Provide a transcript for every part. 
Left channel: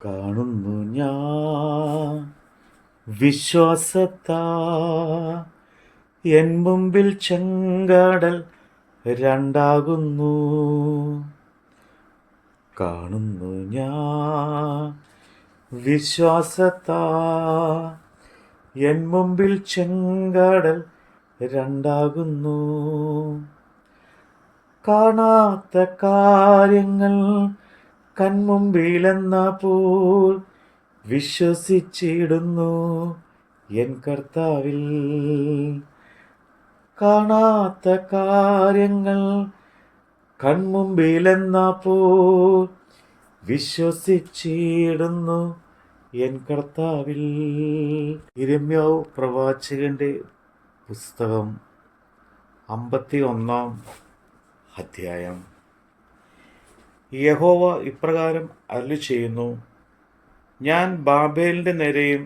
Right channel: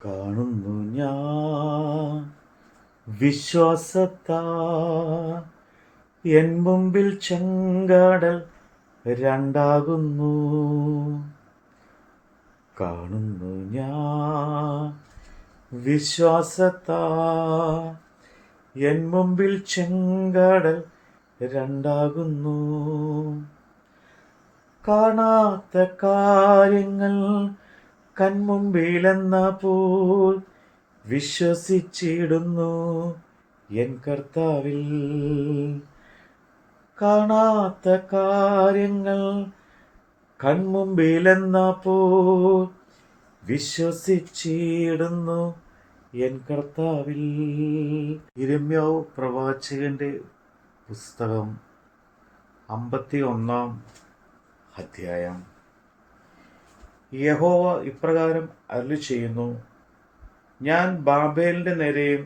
കാണുന്നു ഞാൻ വിശ്വാസത്താ എൻ മുമ്പിൽ ചെങ്കടൽ രണ്ടാകുന്നു. കാണുന്നു ഞാൻ വിശ്വാസത്താ എൻ മുമ്പിൽ ചെങ്കടൽ രണ്ടാകുന്നു. കാണാത്ത കാര്യങ്ങൾ കൺമുമ്പിലെന്ന പോൽ വിശ്വസിച്ചിടുന്നു എൻ കർത്താവിൽ. കാണാത്ത കാര്യങ്ങൾ കൺമുമ്പിലെന്ന പോൽ വിശ്വസിച്ചിടുന്നു എൻ കർത്താവിൽ. യിരെമ്യാവ് പ്രവാചകന്റെ പുസ്തകം 51 അധ്യായം. യഹോവ ഇപ്രകാരം അരുളിച്ചെയ്യുന്നു: ഞാൻ ബാബേലിൻ്റെ നേരെയും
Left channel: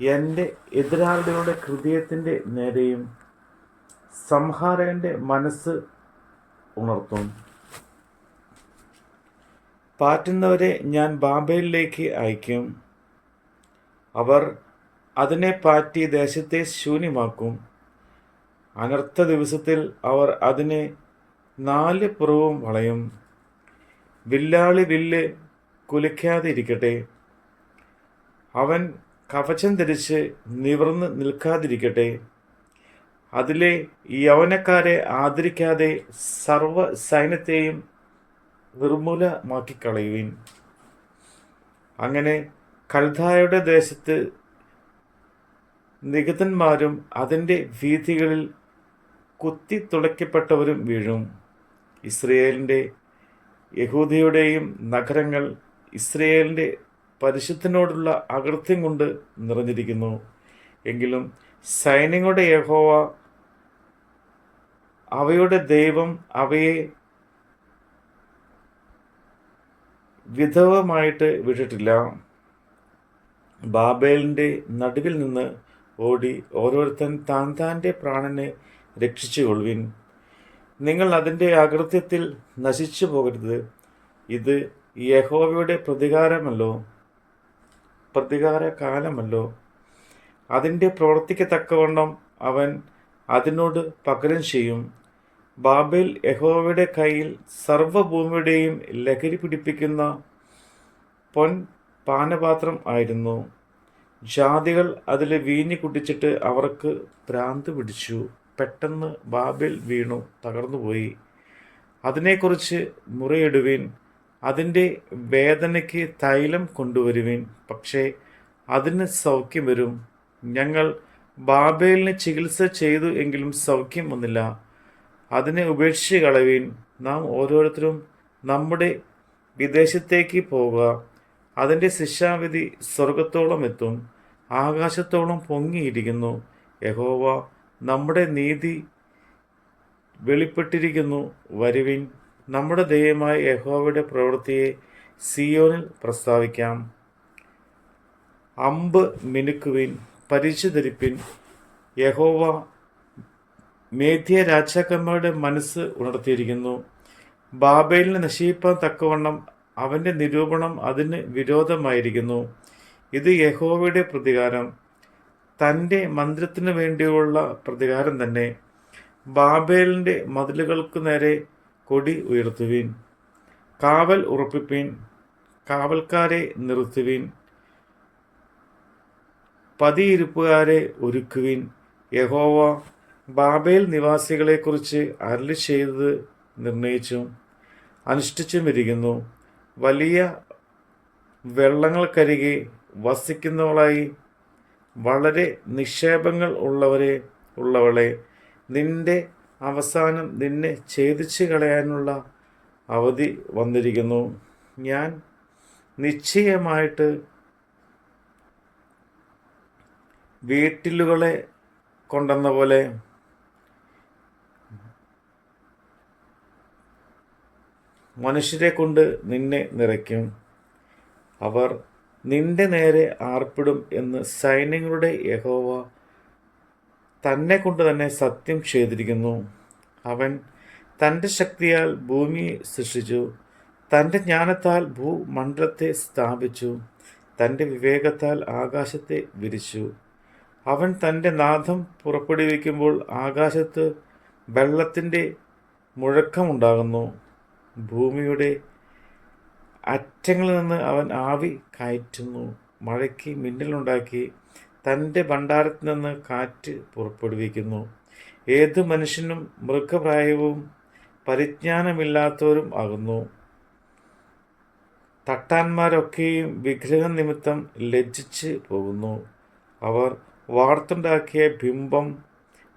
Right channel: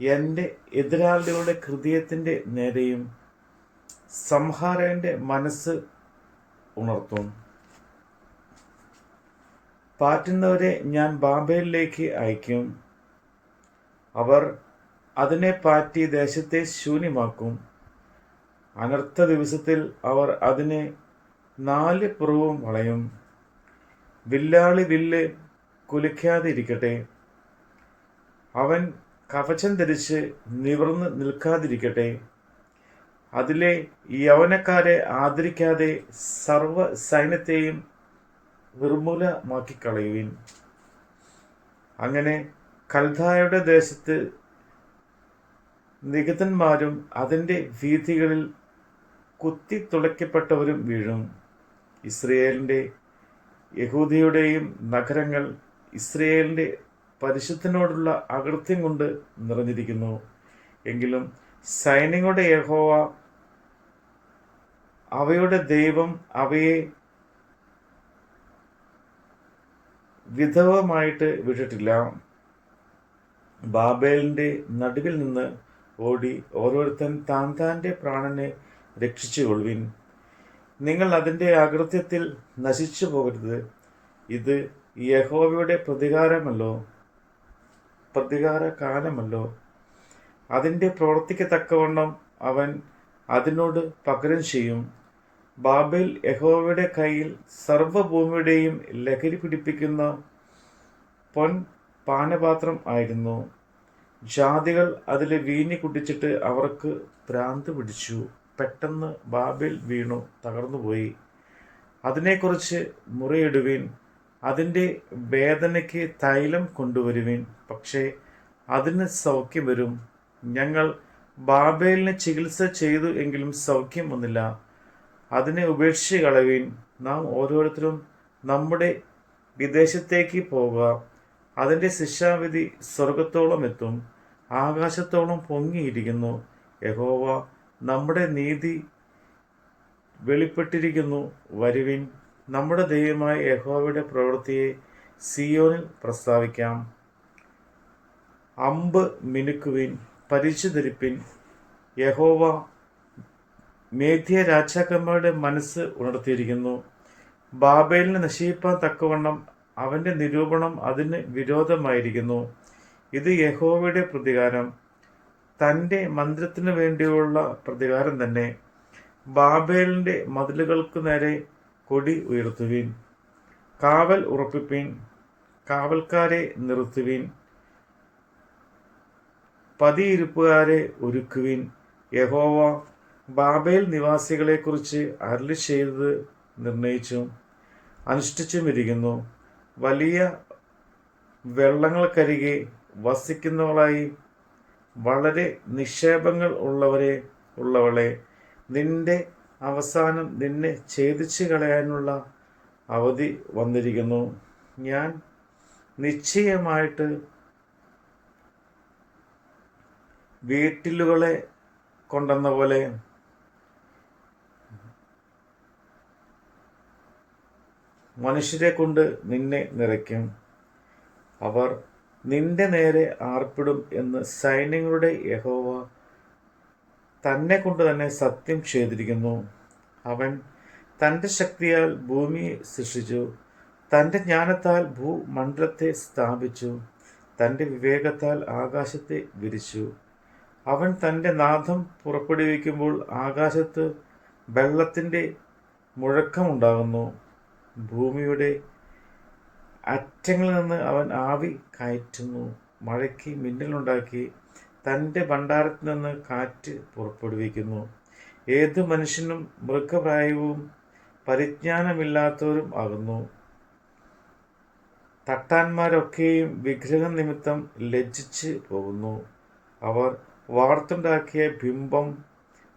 എൻ്റെ എതിരാളികളുടെ ഹൃദയത്തിൻ്റെ നേരെയും സംഹാരകൻ്റെ മനസ്സ് ഉണർത്തും. പാറ്റുന്നവരെ ഞാൻ ബാബേലിലേക്ക് അയക്കും. അവർ അതിനെ പാറ്റി ദേശത്തെ ശൂന്യമാക്കും. അനർത്ഥ ദിവസത്തിൽ അവർ അതിനെ 4 പുറവും വളയും. വില്ലാളി വില്ല് കുലയ്ക്കാതെ ഇരിക്കട്ടെ. അവൻ കവചം ധരിച്ച് നിവർന്ന് നിൽക്കാതിരിക്കട്ടെ. അതിലെ യൗവനക്കാരെ ആദരിക്കാതെ സർവ സൈന്യത്തെയും നിർമൂലമാക്കിക്കളയുവിൻ. അങ്ങനെ കൽദായരുടെ ദേശത്ത് നിഗതന്മാരും അതിൻ്റെ വീഥികളിൽ കുത്തി തുളയ്ക്കപ്പെട്ടവരും വീഴും. ഇസ്രയേലിൻ്റെ യഹൂദയുടെയും നഗരങ്ങൾ ഇസ്രയേലിൻ്റെ പരിശുദ്ധനോടുള്ള അകൃത്യം കൊണ്ട് നിറഞ്ഞിരിക്കുന്നു. എങ്കിലും സൈന്യങ്ങളുടെ യഹോവ അവയുടെ ദൈവം അവയെ വിധവമായിട്ട് വിട്ടിട്ടില്ല. ബാബേലിൻ്റെ നടുവിൽ നിന്ന് ഓടി ഓരോരുത്തൻ താൻ താൻ്റെ പ്രാണനെ രക്ഷിച്ചുകൊള്ളുവിൻ. നിങ്ങൾ അതിൻ്റെ അകൃത്യത്തിൽ നശിച്ചു പോകരുത്. ഇത് യഹോവയുടെ പ്രതികാരകാലമല്ലോ. അതിൻ്റെ പ്രവൃത്തിക്ക് തക്കവണ്ണം അവൻ അതിനോട് പകരം ചെയ്യും. ബാബേൽ യഹോവയുടെ കയ്യിൽ സർവ്വഭൂമിയുടെയും ലഹരി പിടിപ്പിക്കുന്ന പൊൻ പാനപാത്രം ആയിരുന്നു. ജാതികൾ അതിൽ വീഞ്ഞ് കുടിച്ചിട്ട് അവർക്ക് ഭ്രാന്ത് പിടിച്ചു. പെട്ടെന്ന് ബാബേൽ വീണു തകർന്നുപോയി. അതിനെക്കുറിച്ച് മുറയിടുവിൻ. അതിൻ്റെ വേദനയ്ക്ക് തൈലം കൊണ്ടുവരുവിൻ. പക്ഷേ അതിന് സൗഖ്യം വരും. ഞങ്ങൾ ബാബേലിന് ചികിത്സ ചെയ്തു, എങ്കിലും സൗഖ്യം വന്നില്ല. അതിനെ ഉപേക്ഷിച്ച് കളവീൻ. നാം ഓരോരുത്തരും നമ്മുടെ വിദേശത്തേക്ക് പോകുക. അതിൻ്റെ ശിക്ഷാവിധി സ്വർഗത്തോളം എത്തും, ആകാശത്തോളം പൊങ്ങിയിരിക്കുന്നു. യഹോവ നമ്മുടെ നീതി വെളിപ്പെട്ടിരിക്കുന്നു. വരുവിൻ, നമ്മുടെ ദൈവമായ യഹോവയുടെ പ്രവൃത്തിയെ സിയോനിൽ പ്രസ്താവിക്കാം. അമ്പ് മിനുക്കുവിൻ, പരിചു ധരിപ്പിൻ. യഹോവ മേദ്യ രാജാക്കന്മാരുടെ മനസ്സ് ഉണർത്തിയിരിക്കുന്നു. ബാബേലിനെ നശിപ്പിക്കാൻ തക്കവണ്ണം അവൻ്റെ നിരൂപണം അതിന് വിരോധമായിരിക്കുന്നു. ഇത് യഹോവയുടെ പ്രതികാരം, തൻ്റെ മന്ദിരത്തിനു വേണ്ടിയുള്ള പ്രതികാരം തന്നെ. ബാബേലിൻ്റെ മതിലുകൾക്ക് നേരെ കൊടി ഉയർത്തുവിൻ. കാവൽ ഉറപ്പിപ്പിൻ. കാവൽക്കാരെ നിർത്തുവിൻ. പതിയിരിപ്പുകാരെ ഒരുക്കുവിൻ. യഹോവ ബാബേൽ നിവാസികളെക്കുറിച്ച് അരുളി ചെയ്തത് നിർണയിച്ചും അനുഷ്ഠിച്ചുമിരിക്കുന്നു. വലിയ വെള്ളങ്ങൾക്കരികെ വസിക്കുന്നവളായി വളരെ നിക്ഷേപങ്ങൾ ഉള്ളവളെ, നിന്റെ അവസാനം നിന്നെ ഛേദിച്ചു കളയാനുള്ള അവധി വന്നിരിക്കുന്നു. ഞാൻ നിശ്ചയമായിട്ട് വീട്ടിലുകളെ കൊണ്ടെന്ന പോലെ മനുഷ്യരെ കൊണ്ട് നിന്നെ നിറയ്ക്കും. അവർ നിന്റെ നേരെ ആർപ്പിടും എന്ന് സൈന്യങ്ങളുടെ യഹോവ തന്നെ കൊണ്ട് തന്നെ സത്യം ചെയ്തിരിക്കുന്നു. അവൻ തൻ്റെ ശക്തിയാൽ ഭൂമിയെ സൃഷ്ടിച്ചു, തൻ്റെ ജ്ഞാനത്താൽ ഭൂമണ്ഡലത്തെ സ്ഥാപിച്ചു. തൻ്റെ വിവേകത്താൽ ആകാശത്തെ വിരിച്ചു. അവൻ തൻ്റെ നാദം പുറപ്പെടുവിക്കുമ്പോൾ ആകാശത്ത് വെള്ളത്തിൻ്റെ മുഴക്കമുണ്ടാകുന്നു. ഭൂമിയുടെ അറ്റങ്ങളിൽ നിന്ന് അവൻ ആവി കയറ്റുന്നു. മഴയ്ക്ക് മിന്നലുണ്ടാക്കി തൻ്റെ ഭണ്ഡാരത്തിൽ നിന്ന് കാറ്റ് പുറപ്പെടുവിക്കുന്നു. ഏതു മനുഷ്യനും മൃഗപ്രായവും പരിജ്ഞാനമില്ലാത്തവരും ആകുന്നു. തട്ടാന്മാരൊക്കെയും വിഗ്രഹം നിമിത്തം ലജ്ജിച്ച് പോകുന്നു. അവർ വാർത്തുണ്ടാക്കിയ ബിംബം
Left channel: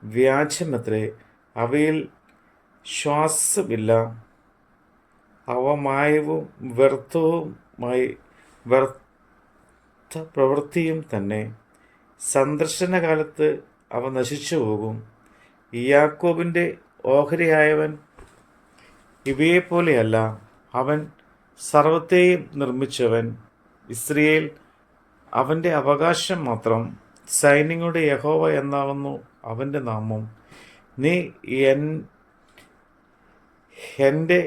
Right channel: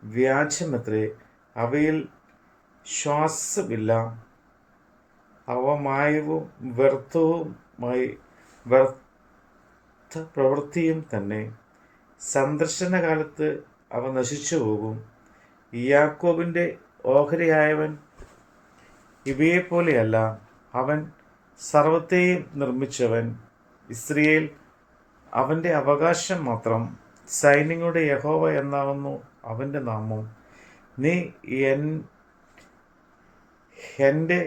വ്യാജമത്രേ, അവയിൽ ശ്വാസമില്ല. അവ മായവും വ്യർത്ഥ പ്രവൃത്തിയും തന്നെ. സന്ദർശനകാലത്ത് അവ നശിച്ചു പോകും. യാക്കോബിൻ്റെ ഓഹരിയായവൻ ഇവയെപ്പോലെയല്ല. അവൻ സർവത്തെയും നിർമ്മിച്ചവൻ. ഇസ്രായേൽ അവൻ്റെ അവകാശം മാത്രം. സൈന്യങ്ങളുടെ യഹോവ എന്നാകുന്നു അവൻ്റെ നാമം. നീ എൻ്റെ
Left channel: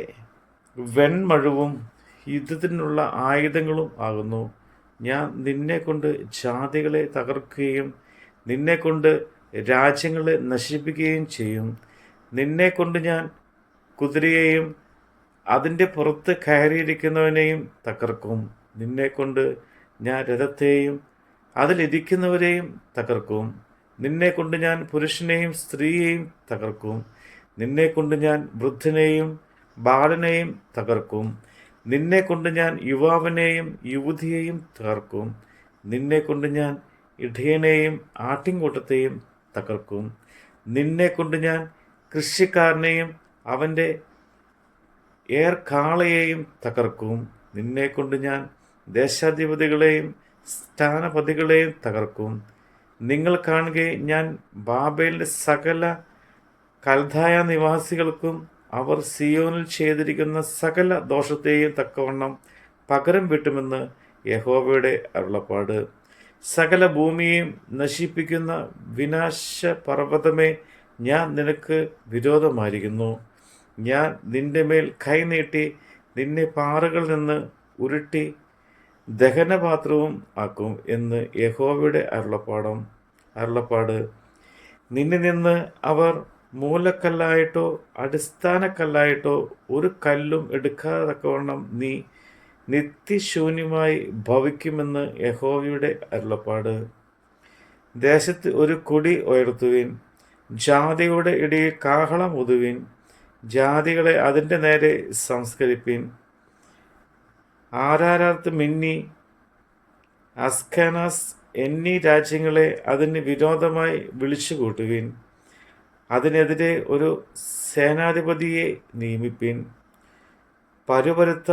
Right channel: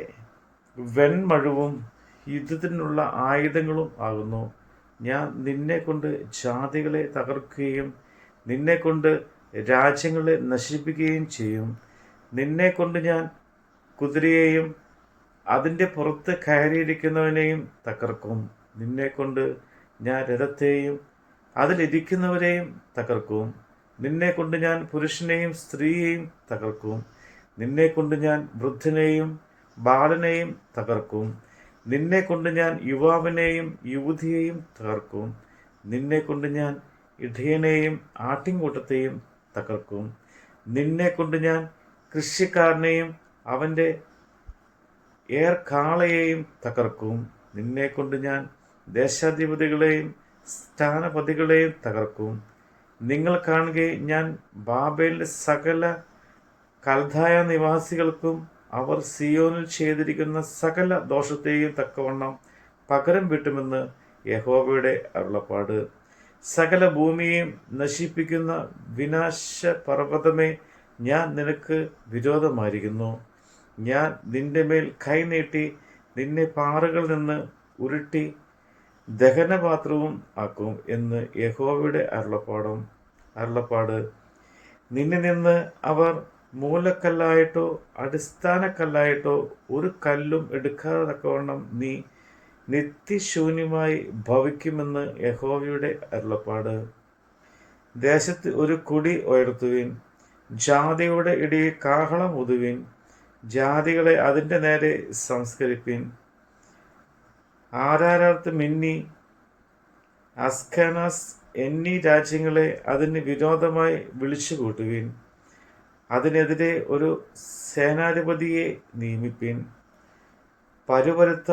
വെൺമഴുവും യുദ്ധത്തിനുള്ള ആയുധങ്ങളും ആകുന്നു. ഞാൻ നിന്നെക്കൊണ്ട് ജാതികളെ തകർക്കുകയും നിന്നെക്കൊണ്ട് രാജ്യങ്ങളെ നശിപ്പിക്കുകയും ചെയ്യും. നിന്നെക്കൊണ്ട് ഞാൻ കുതിരയെയും അതിൻ്റെ പുറത്ത് കയറിയിരിക്കുന്നവനെയും തകർക്കും. നിന്നെക്കൊണ്ട് ഞാൻ രഥത്തെയും അതിലിരിക്കുന്നവരെയും തകർക്കും. നിന്നെക്കൊണ്ട് ഞാൻ പുരുഷനെയും സ്ത്രീയെയും തകർക്കും. നിന്നെക്കൊണ്ട് ഞാൻ വൃദ്ധനെയും ബാലനെയും തകർക്കും. നിന്നെക്കൊണ്ട് ഞാൻ യുവാവിനെയും യുവതിയെയും തകർക്കും. നിന്നെക്കൊണ്ട് ഞാൻ ഇടയനെയും ആട്ടിൻകൂട്ടത്തെയും തകർക്കും. നിന്നെക്കൊണ്ട് ഞാൻ കൃഷിക്കാരനെയും അവൻ്റെ ഏർക്കാളയെയും തകർക്കും. നിന്നെക്കൊണ്ട് ഞാൻ ദേശാധിപതികളെയും സ്ഥാനപതികളെയും തകർക്കും. നിങ്ങൾ കാണുകെ ഞാൻ ബാബേലിലെ സകല കൽദായ നിവാസികൾക്കും അവർ സിയോനിൽ ചെയ്തിരിക്കുന്ന സകല ദോഷത്തെയും തക്കവണ്ണം പകരം വീട്ടുമെന്ന് യഹോവയുടെ അരുളപ്പാട്. സകല ഭൂമിയെയും നശിപ്പിക്കുന്ന വിനാശപർവ്വതമേ, ഞാൻ നിനക്ക് വിരോധമായിരിക്കുന്നു. ഞാൻ നിന്റെ മേൽ കൈനീട്ടി നിന്നെ പാറകളിൽ നിന്ന് ഉരുട്ടി ദഹനപാത്രവും ആക്കും എന്ന് യഹോവയുടെ അരുളപ്പാട്. നിന്നിൽ നിന്ന് അവർ മൂലക്കല്ലായിട്ടോ അടിസ്ഥാനക്കല്ലായിട്ടോ ഒരു കല്ലും എടുക്കാതെ തക്കവണ്ണം നീ നിത്യശൂന്യമായി ഭവിക്കുമെന്ന് യഹോവയുടെ അരുളപ്പാട്. ദേശത്ത് ഒരു കൊടി ഉയർത്തുവിൻ, ജാതികളുടെ ഇടയിൽ കാഹളം ഊതുവിൻ. ജാതികളെ അതിൻ്റെ നേരെ സംസ്കരിപ്പിൻ. ആരാരത്ത് മിന്നി അസ്കനാസ് എന്നീ രാജ്യങ്ങളെ അതിന് വിരോധമായി വിളിച്ചു കൂട്ടുവിൻ. അതിനെതിരെ ഒരു സേനാധിപതിയെ നിയമിപ്പിൻ. പരുപരുത്ത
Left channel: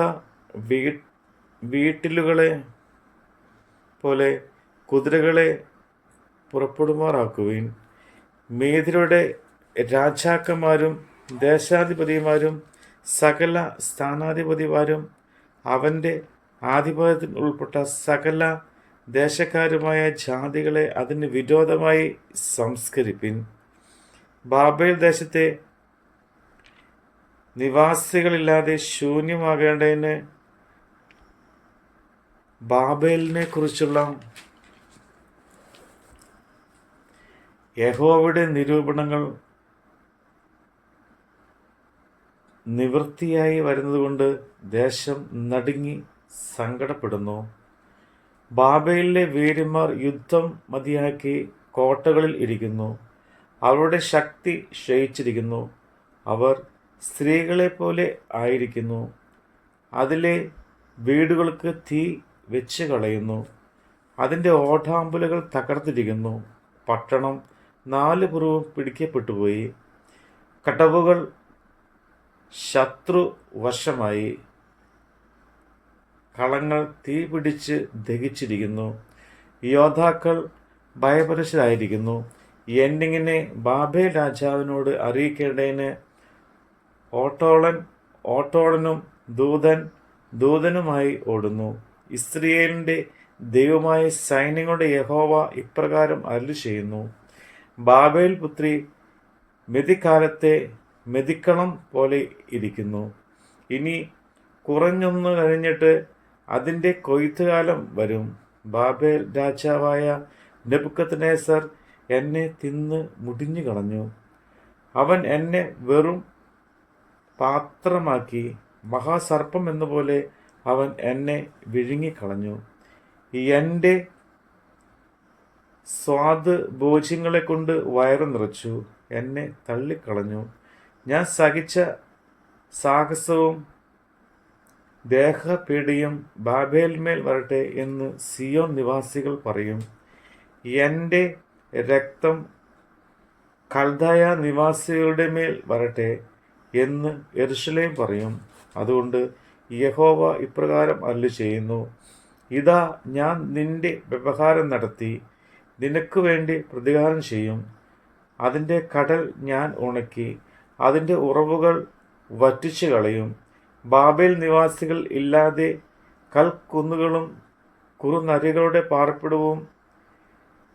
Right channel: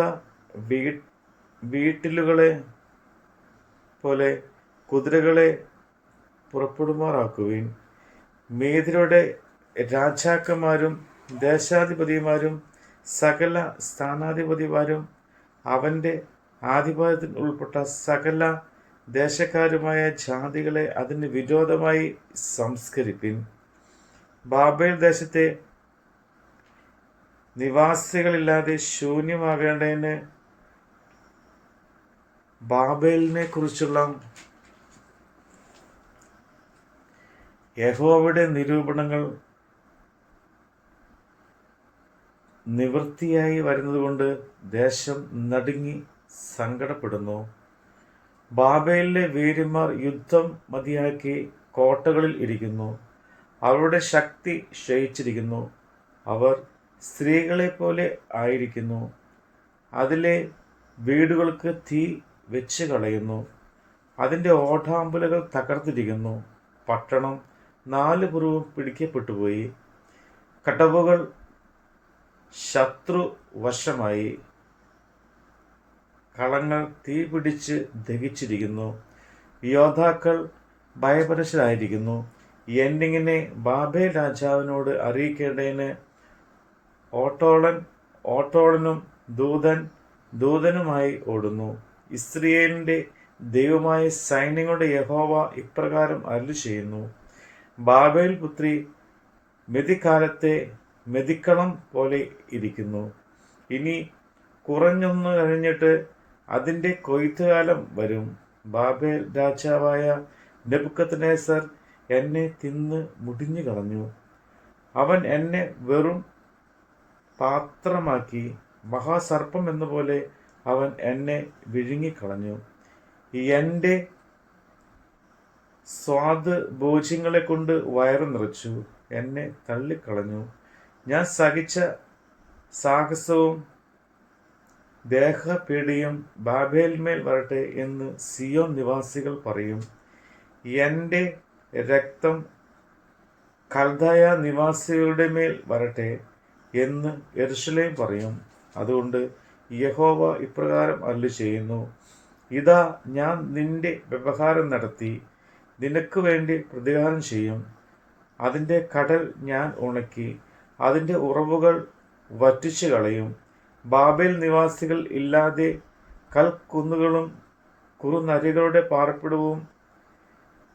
വീട്ടിലുകളെ പോലെ കുതിരകളെ പുറപ്പെടുമാറാക്കുവിൻ. മേദ്യരുടെ രാജാക്കന്മാരും ദേശാധിപതിമാരും സകല സ്ഥാനാധിപതിമാരും അവൻ്റെ ആധിപത്യത്തിൽ ഉൾപ്പെട്ട സകല ദേശക്കാരുമായ ജാതികളെ അതിന് വിരോധമായി സംസ്കരിപ്പിൻ. ബാബേൽ ദേശത്തെ നിവാസികളില്ലാതെ ശൂന്യമാകേണ്ടതിന് ബാബേലിനെ കുറിച്ചുള്ള യഹോവയുടെ നിരൂപണങ്ങൾ നിവൃത്തിയായി വരുന്നതുകൊണ്ട് ദേശം നടുങ്ങി സങ്കടപ്പെടുന്നു. ബാബേലിലെ വീരന്മാർ യുദ്ധം മതിയാക്കി കോട്ടകളിൽ ഇരിക്കുന്നു. അവരുടെ ശക്തി ക്ഷയിച്ചിരിക്കുന്നു. അവർ സ്ത്രീകളെപ്പോലെ ആയിരിക്കുന്നു. അതിലെ വീടുകൾക്ക് തീ വെച്ച് കളയുന്നു. അതിൻ്റെ ഓടാമ്പലുകൾ തകർത്തിരിക്കുന്നു. പട്ടണം 4 പുറവും പിടിക്കപ്പെട്ടുപോയി. കടവുകൾ ശത്രുവശമായി. കളങ്ങൾ തീ പിടിച്ച് ദഹിച്ചിരിക്കുന്നു. യോദ്ധാക്കൾ ഭയപരശരായിരിക്കുന്നു. എന്നിങ്ങനെ ബാബേൽ രാജാവിനോട് അറിയിക്കേണ്ടതിന് ഓട്ടോളനും ദൂതനുമായി ഓടുന്നു. ഇസ്രായേലിൻ്റെ ദൈവമായ സൈന്യങ്ങളുടെ യഹോവ ഇപ്രകാരം അരുളി ചെയ്യുന്നു: ബാബേൽ പുത്രി മെതിക്കാലത്തെ മെതിക്കളം പോലെ ഇരിക്കുന്നു. ഇനി കുറഞ്ഞൊന്നു കഴിഞ്ഞിട്ട് അതിൻ്റെ കൊയ്ത്തുകാലം വരും. ബാബേൽ രാജാവായ നെബൂഖദ്നേസർ എന്നെ തിന്ന് മുടിഞ്ഞു കളഞ്ഞു. അവൻ എന്നെ വെറും പാത്രമാക്കി. മഹാസർപ്പം എന്നപോലെ അവൻ എന്നെ വിഴുങ്ങിക്കളഞ്ഞു. എൻ്റെ ഭോജ്യങ്ങളെ കൊണ്ട് വയറ് നിറച്ചു. എന്നെ തള്ളിക്കളഞ്ഞു. ഞാൻ സഹിച്ച സാഹസവും ദേഹപീഡിയും ബാബേലിന്മേൽ വരട്ടെ എന്ന് സിയോൻ നിവാസികൾ പറയും. എൻ്റെ രക്തം കൽദായ നിവാസികളുടെ മേൽ വരട്ടെ എന്ന് യെരൂശലേം പറയും. അതുകൊണ്ട് യഹോവ ഇപ്രകാരം അരുളിച്ചെയ്യുന്നു: ഇതാ, ഞാൻ നിന്റെ വ്യവഹാരം നടത്തി നിനക്ക് വേണ്ടി പ്രതികാരം ചെയ്യും. അതിൻ്റെ കടൽ ഞാൻ ഉണക്കി അതിൻ്റെ ഉറവുകൾ വറ്റിച്ചു കളയും. ബാബേൽ നിവാസികൾ ഇല്ലാതെ കൽക്കുന്നുകളും കുറുനരികളുടെ പാർപ്പിടവും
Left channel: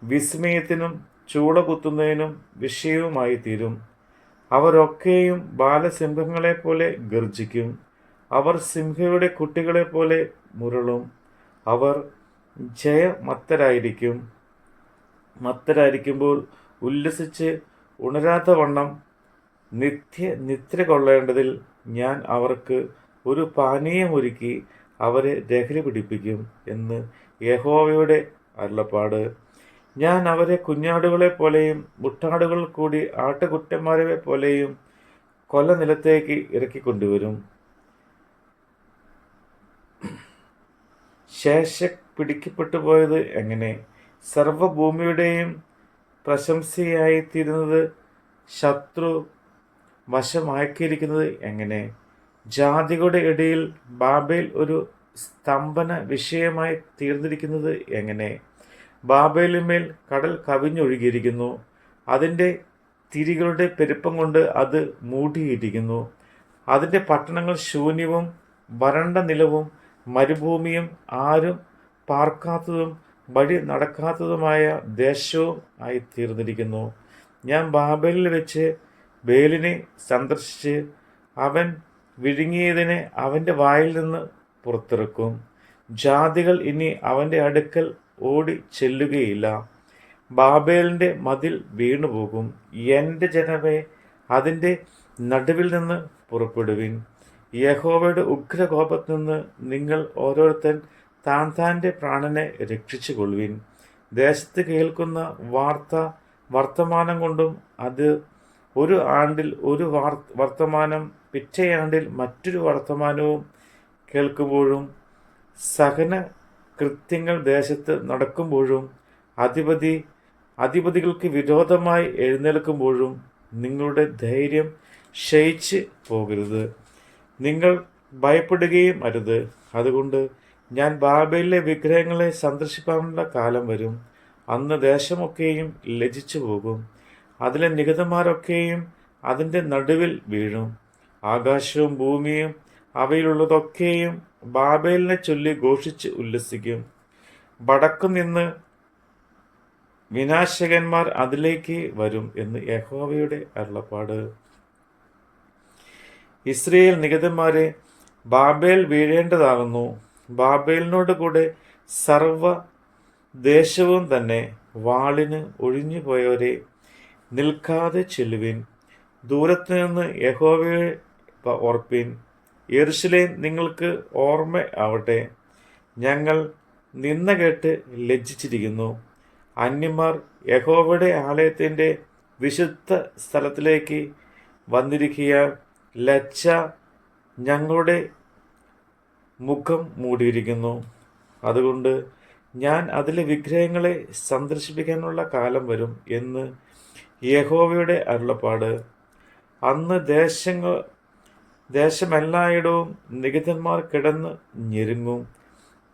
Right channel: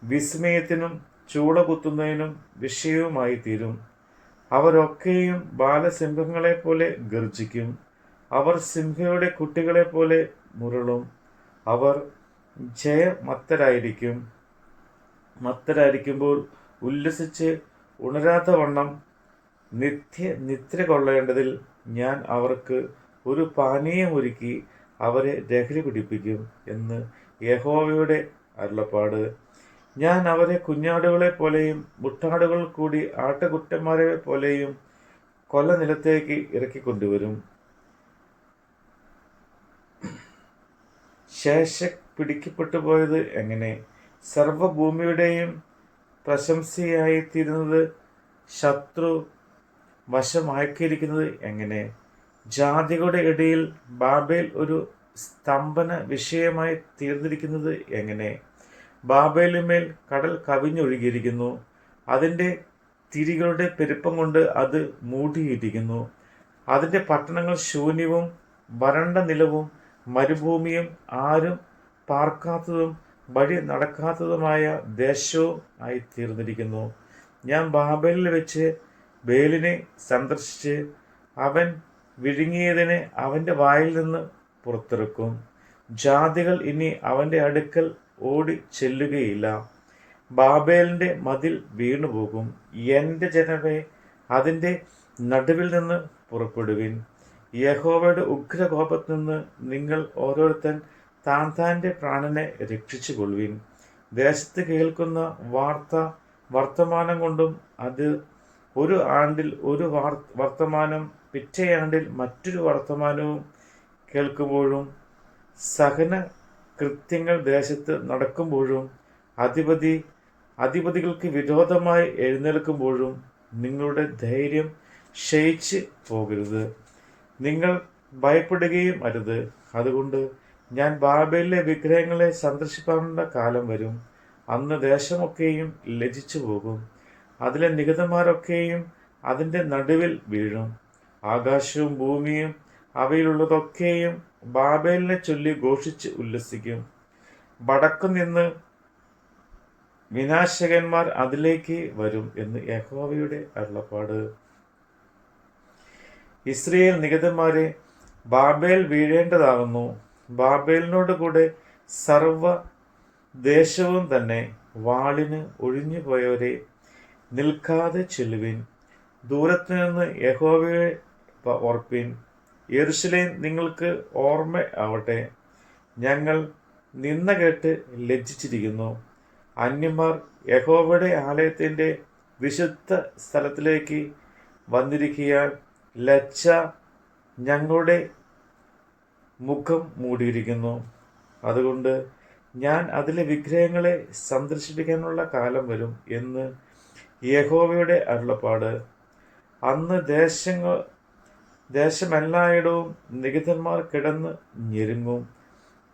വിസ്മയത്തിനും ചൂടകുത്തുന്നതിനും വിഷയവുമായി തീരും. അവരൊക്കെയും ബാലസിംഹങ്ങളെപ്പോലെ ഗർജിക്കും. അവർ സിംഹയുടെ കുട്ടികളെപ്പോലെ മുരളും. അവർ മത്തരായിരിക്കുമ്പോൾ ഉല്ലസിച്ച് ഉണരാത്തവണ്ണം നിദ്ര കൊള്ളേണ്ടതിൽ ഞാൻ അവർക്ക് ഒരു പാനീയമൊരുക്കി അവരെ ലഹരി പിടിപ്പിക്കും എന്ന് യഹോവയുടെ അരുളപ്പാട്. ഞാൻ അവരെ കുഞ്ഞാടുകളെ പോലെയും മുട്ടാടുകൾ കൂടി ആട്ടുകുറ്റന്മാരെ പോലെയും കൊലനിലത്തേക്ക് ഇറക്കിക്കൊണ്ടുവരും. ശേഷ പിടിക്കപ്പെട്ടു പോയത് എങ്ങനെ? സർവഭൂമിയുടെയും പ്രശംസയായിത്തീരുന്നത് ശത്രു വശമാക്കിയിരിക്കുന്നത് എങ്ങനെ? ജാതികളുടെ ഇടയിൽ ബാബേൽ ഒരു സ്തംഭന വിഷയമായി തീർന്നിരിക്കുന്നത് എങ്ങനെ? ബാബേലിന്മേൽ കടൽ കവിഞ്ഞൊഴുകിയിരിക്കുന്നു. അതിൻ്റെ തിരികളുടെ പെരുപ്പം കൊണ്ട് അത് മൂടിയിരിക്കുന്നു. അതിൻ്റെ പട്ടണങ്ങൾ ശൂന്യവും വരണ്ട നിലവും മരുഭൂമിയും ആരും പാർക്കാത്തതും വഴി നടക്കാത്തതുമായ ദേശവും ആയി തീർന്നിരിക്കുന്നു. ഞാൻ ബാബേലിൽ വെച്ച് ബേലിനെ സന്ദർശിച്ച് അവൻ വിഴുങ്ങിയതിനെ അവൻ്റെ വായിൽ നിന്ന് പുറത്തിറക്കും. ജാതികൾ ഇനി അവൻ്റെ അടുക്കൽ ഓടി ചെല്ലുകയില്ല. ബാബേലിൻ്റെ മതിൽ വീണുപോകും. എൻ്റെ ജനമേ, അതിൻ്റെ നടുവിൽ നിന്ന് പുറപ്പെടുവിൻ. യഹോവയുടെ ഉഗ്രകോപത്തിൽ നിന്ന് നിങ്ങൾ ഓരോരുത്തൻ താൻ്റെ പ്രാണനെ രക്ഷിച്ചു കൊള്ളുവിൻ. ദേശത്ത് കേൾക്കുന്ന വർത്തമാനം കൊണ്ടും അത് ഒരു ആണ്ടിൽ ഒരു വർത്തമാനം പിറ്റേയാണ്ടിൽ മറ്റൊരു വർത്തമാനവും കേൾക്കുമ്പോഴും സഹന കൃത്യങ്ങൾ ദേശത്ത് നടക്കുമ്പോഴും അധിപതികൾക്ക് വിരോധമായി എഴുന്നേൽക്കുമ്പോഴും നിങ്ങളുടെ ധൈര്യം ക്ഷയിച്ച് പോകരുത്. നിങ്ങൾ ഭയപ്പെടുകയും അരുത്. അതുകൊണ്ട് ഞാൻ ബാബേലിലെ വിഗ്രഹങ്ങളെ സന്ദർശിക്കാനുള്ള കാലം വരും. അന്ന് ദേശമൊക്കെയും ലജ്ജിച്ചു പോകും. അതിലെ നിഹതന്മാരൊക്കെയും അതിൻ്റെ നടുവിൽ വീഴും. ആകാശവും ഭൂമിയും അവയിലുള്ളതൊക്കെയും ബാബേലിനെ ചൊല്ലി ഘോഷിച്ച് ഉല്ലസിക്കും. വടക്കു നിന്ന് വിനാശകന്മാർ അതിലേക്ക് വരും എന്ന് യഹോവയുടെ അരുളപ്പാട്. Israel നിഹതന്മാരെ, Babel വീഴേണ്ടതാകുന്നു. ബാബേലിനോട് കൂടെ സർവ ദേശവും തന്നെ. വാളിന് ഒഴിഞ്ഞു പോയവരെ, നിൽക്കാതെ ചെല്ലുവിൻ. ദൂരത്ത് നിന്ന് യഹോവയെ ഓർപ്പിൻ. യെരൂശലേം നിങ്ങൾക്ക് ഓർമ്മ ആവട്ടെ. ഞങ്ങൾ നിന്ന കേട്ട് ലജ്ജിച്ചിരിക്കുന്നു. അന്യന്മാർ യഹോവയുടെ ആലയത്തിൻ്റെ വിശുദ്ധ സ്ഥലത്തിലേക്ക് വന്നിരിക്കാൻ ലജ്ജ ഞങ്ങളുടെ മുഖം മൂടിയിരിക്കുന്നു. അതുകൊണ്ട് ഞാൻ അതിലെ വിഗ്രഹങ്ങളെ സന്ദർശിപ്പിക്കാനുള്ള കാലം വരും എന്ന് യഹോവയുടെ അരുളപ്പാട്. അന്ന് ദേശമെല്ലായിടവും നിഹതന്മാർ കിടന്ന് ഞെരുങ്ങും.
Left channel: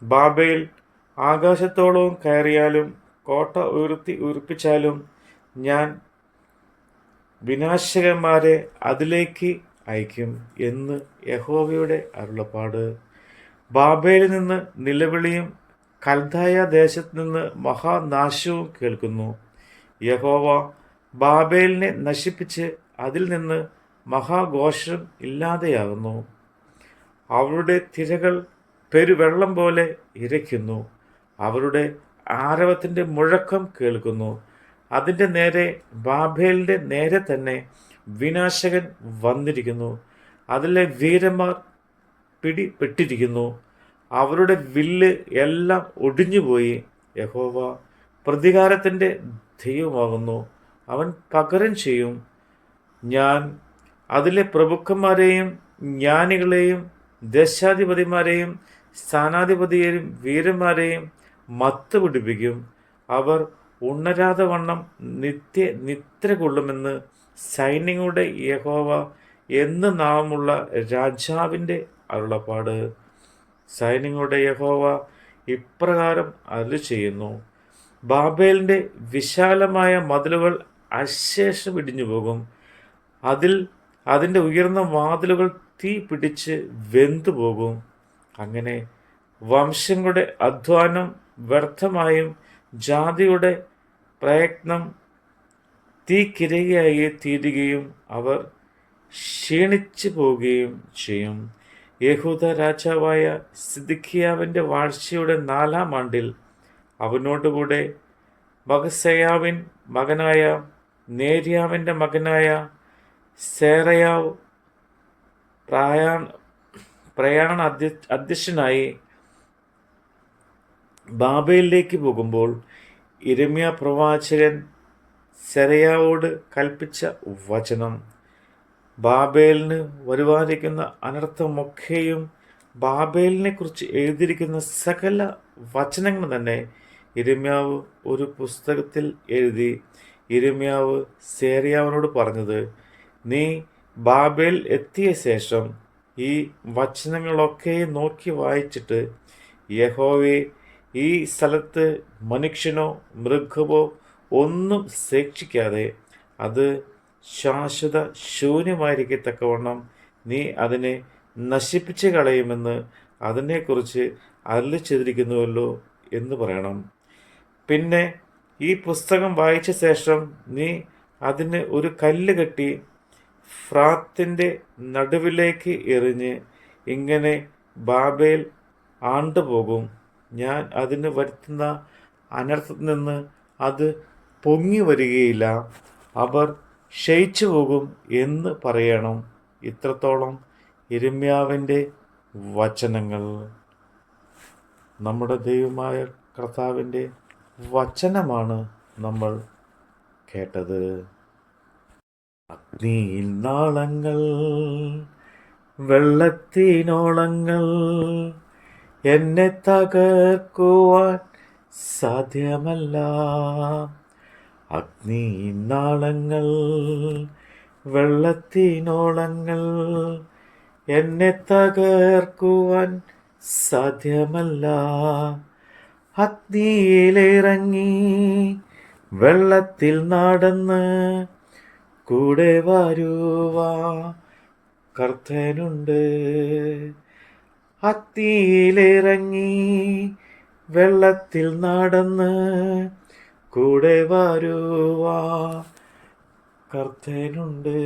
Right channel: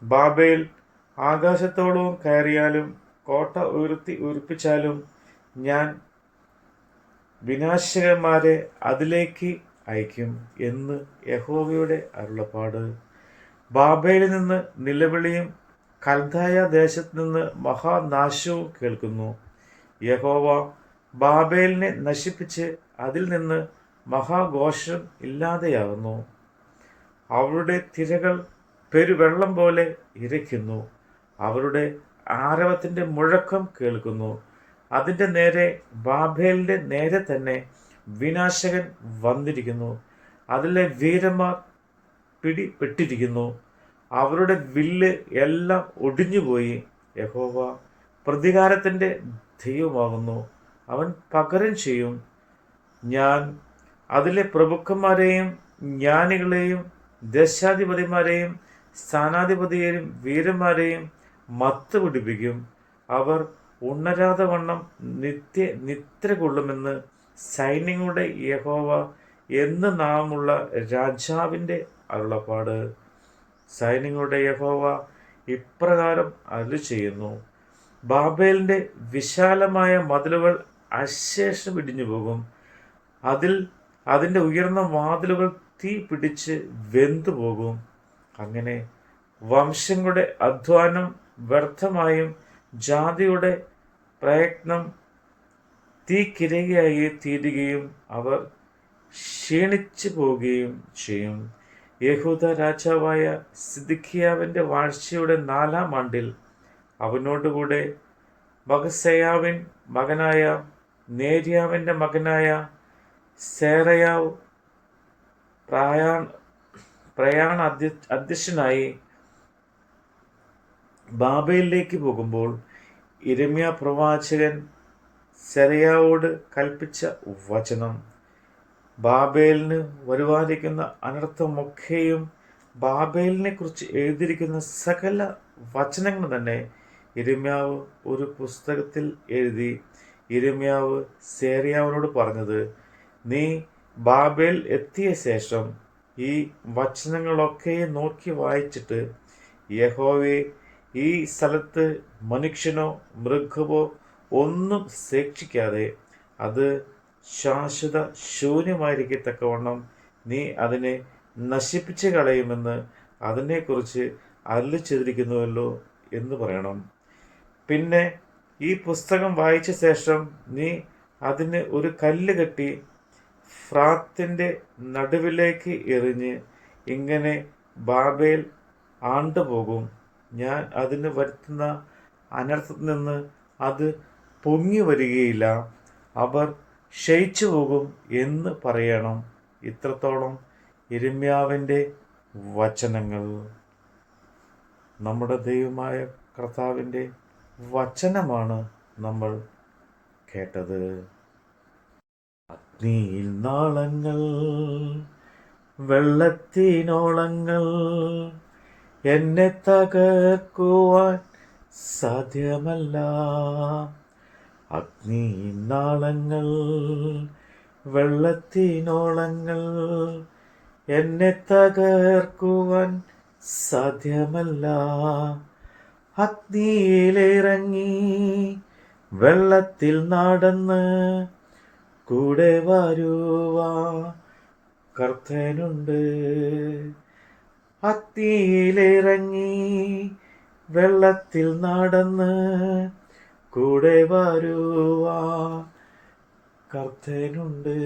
ബാബേൽ ആകാശത്തോളവും കയറിയാലും കോട്ട ഉയർപ്പിച്ചാലും ഞാൻ വിനാശകന്മാരെ അതിലേക്ക് അയക്കും എന്ന് യഹോവയുടെ അരുളപ്പാട്. ബാബേലിൽ നിന്ന് നിലവിളിയും കൽദായ ദേശത്ത് നിന്ന് മഹാനാശവും കേൾക്കുന്നു. യഹോവ ബാബേലിനെ നശിപ്പിച്ച് അതിൽ നിന്ന് മഹാഘോഷം ഇല്ലാതെയാകുന്നു. അവരുടെ തിരകൾ പെരുവെള്ളം പോലെ ഇരയ്ക്കുന്നു. അവരുടെ ആരവത്തിൻ്റെ മുഴക്കം കേൾക്കുന്നു. അതിൻ്റെ നേരെ, ബാബേലിൻ്റെ നേരെ തന്നെ വിനാശകൻ വന്നിരിക്കുന്നു. അതിലെ വീരന്മാർ പിടിപെട്ടിരിക്കുന്നു. അവരുടെ വില്ല് എല്ലാം ഒടിഞ്ഞുപോയി. യഹോവ പ്രതികാരത്തിൻ്റെ ദൈവമാകുന്നു. അവൻ പകരം ചെയ്യും. ഞാൻ അതിലെ പ്രഭുക്കന്മാരെയും ജ്ഞാനികളെയും ദേശാധിപതിമാരെയും സ്ഥാനാധിപതിയെയും വീരന്മാരെയും മത്ത് പിടിപ്പിക്കും. അവർ ഉണരാതെ വണ്ണം നിദ്ര കൊള്ളുമെന്ന് സൈന്യങ്ങളുടെ യഹോവ എന്ന് നാമുള്ള രാജാവിൻ്റെ അരുളപ്പാട്. സൈന്യങ്ങളുടെ യഹോവ ഇപ്രകാരം അരുളി ചെയ്യുന്നു: ബാബേലിൻ്റെ വിശാലമായ മതിലുകൾ അശേഷം ഇടിഞ്ഞു പോകും. അതിൻ്റെ ഉയർന്ന വാതിലുകൾ തീ പിടിച്ച് വെന്തു പോകും. അങ്ങനെ വംശങ്ങളുടെ അധ്വാനം വ്യർത്ഥമായും ജാതിയുടെ പ്രയത്നം തീക്കിരയായി തീരുകയും അവർ ക്ഷീണിച്ചു പോവുകയും ചെയ്യും. യഹൂദ രാജാവായ സിദ്ക്കിയാവിൻ്റെ വാഴ്ചയുടെ 4-ാം ആണ്ടിൽ അവനോടുകൂടെ മഹസേയാവിൻ മകനായ നേര്യാവിൻ്റെ മകനായ സേറയാവ് പ്രയാണ അധ്യക്ഷനായി ബാബേലിലേക്ക് പോകുമ്പോൾ യിരെമ്യാ പ്രവാചകൻ സെരായാവോട് കൽപ്പിച്ച വചനം: ബാബേലിന് വരുവാനിരിക്കുന്ന അനർത്ഥമൊക്കെയും ബാബേലിനെ കുറിച്ച് എഴുതിയിരിക്കുന്ന സകല വചനങ്ങൾ തന്നെ യിരെമ്യാവ് ഒരു പുസ്തകത്തിൽ എഴുതി. യിരെമ്യാവ് സെരായാവിനോട് പറഞ്ഞത്: നീ ബാബേൽ എത്തിയ ശേഷം ഈ വചനങ്ങളൊക്കെ നോക്കി വായിച്ചിട്ട്, യഹോവേ, ഈ സ്ഥലത്ത് മനുഷ്യനോ മൃഗമോ ഒന്നും ശേഷിക്കാതെ അത് ശാശ്വത ശൂന്യമായിരിക്കത്തക്കവണ്ണം നീ അതിനെ നശിപ്പിച്ച് കളയുമെന്ന് അതിനെക്കുറിച്ച് അരുളി ചെയ്തിരിക്കുന്നുവല്ലോ എന്ന് പറയണം. പിന്നെ ഈ പുസ്തകം വായിച്ച ശേഷം നീ അതിന് ഒരു കല്ല് കെട്ടി ഫ്രാത്തിൻ്റെ നടുവിലേക്ക് എറിഞ്ഞ്, ഇങ്ങനെ ബാബേൽ ആണ്ടുപോകും. ഞാൻ അതിന് വരുത്തുന്ന അനർത്ഥത്തിൽ നിന്ന് അത് പൊങ്ങി വരികയില്ല. അവർ ക്ഷയിച്ചു പോകും എന്ന് പറയണം. ഇത്രത്തോളം യിരെമ്യാവിൻ്റെ വചനങ്ങൾ. നമ്മുടെ ദൈവമായ കർത്താവിൻ്റെ വചനമാണ് നമ്മൾ കേട്ടത്. അഗ്നിയിൽ നാളങ്ങൾ, വെള്ളത്തിനോളങ്ങൾ, എന്നെ തകർക്കുവാൻ സാധ്യമല്ല. അഗ്നിയിൽ നാളങ്ങൾ, വെള്ളത്തിനോളങ്ങൾ, എന്നെ തകർക്കുവാൻ സാധ്യമല്ല. അഗ്നിയിലിറങ്ങി വെള്ളത്തിൽ നടന്ന് കൂടെ വരുവാ കർത്തനുണ്ട്. അഗ്നിയിലിറങ്ങി വെള്ളത്തിൽ നടന്ന് കൂടെ വരുവാ കർത്തനുണ്ട്.